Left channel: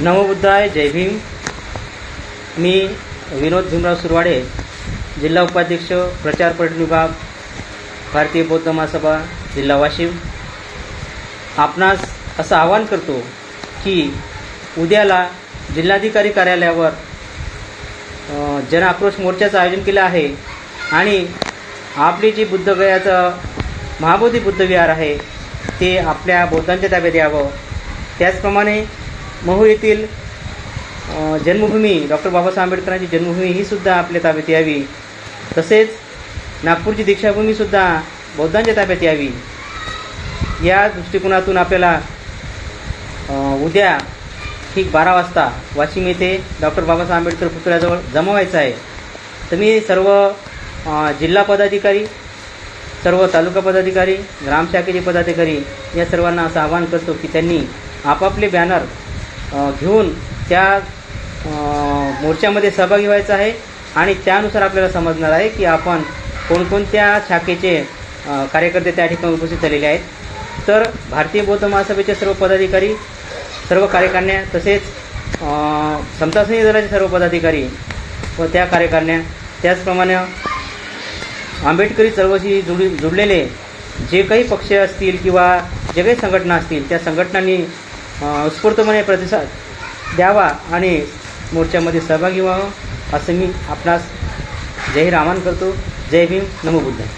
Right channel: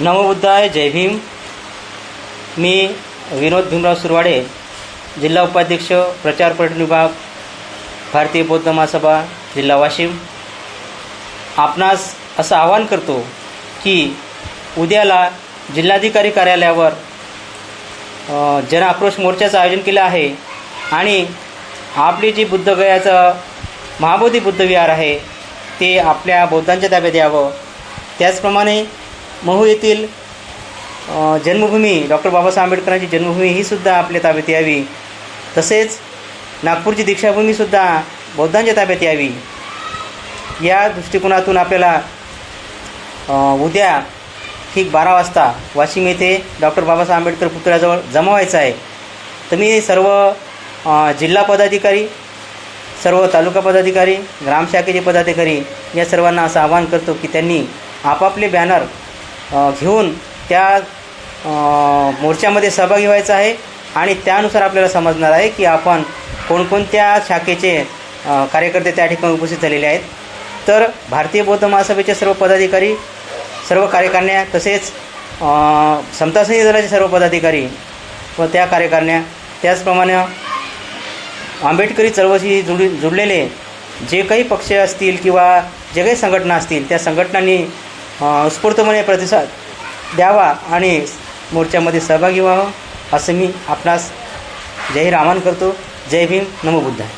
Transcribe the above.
नमोबुद्धाय जय भीम. मी विनोद भीमराव सुरवाडे जिल्हा उपाध्यक्ष प्रचार पर्यटन विभाग भारतीय बौद्ध महासभा जिल्हा वाशिम. आपणास असं आवाहन करतो की उद्याला जिल्हाधिकारी कार्यालयावर जन आक्रोश मोर्चाचं आयोजन केलं आहे आणि आपली जी बुद्धगयाचं महाबोधी बुद्ध विहार आहे ते आपल्या बौद्धांच्या ताब्यात यावं. त्याचप्रमाणे महू येथील जन्मभूमी डॉक्टर बाबासाहेब आंबेडकरांची जन्मभूमी ही सुद्धा आपल्या ताब्यात यावी. तसेच नागपूरची दीक्षाभूमीसुद्धा बौद्धांच्या ताब्यात यावी. या दृष्टिकोनातून आपल्याला उद्या ठीक बारा वाजता वाशिम येथे डॉक्टर बाबासाहेब आंबेडकर पुतळ्याजवळ जमा व्हायचं आहे. तर मी सर्व जिल्हा पदाधिकारी सर्व तालुका पदाधिकारी ग्रामशाखेचे पदाधिकारी या सर्वांना असं आवाहन करतो की त्यांनी आपापले बॅनर घेऊन त्या मोर्चामध्ये सहभागी व्हायचं आहे आणि त्यानुसार आपल्याला समजणार आहे की आपण कोणकोणत्या शाखेचे कार्यकर्ते त्या ठिकाणी उपस्थित झालेले आहेत. तर भारतीय बौद्ध महासभेचे सर्व पदाधिकारी सर्व कार्यकारिण्या तसेच समतासनी समता दलाचे सर्व पदाधिकारी व त्या कार्यकारिण्या त्याचप्रमाणे आंबेडकरी चळवळशी जुड जुडलेले जे काही पक्ष असतील किंवा जे काही संघटना असतील त्या संघटनांनी अ, प्रतिसाद द्यावा आणि मोर्चामध्ये सहभागी व्हावं असं मी आपणास जय रामान करतो. जय भीम. नमो बुद्धाय.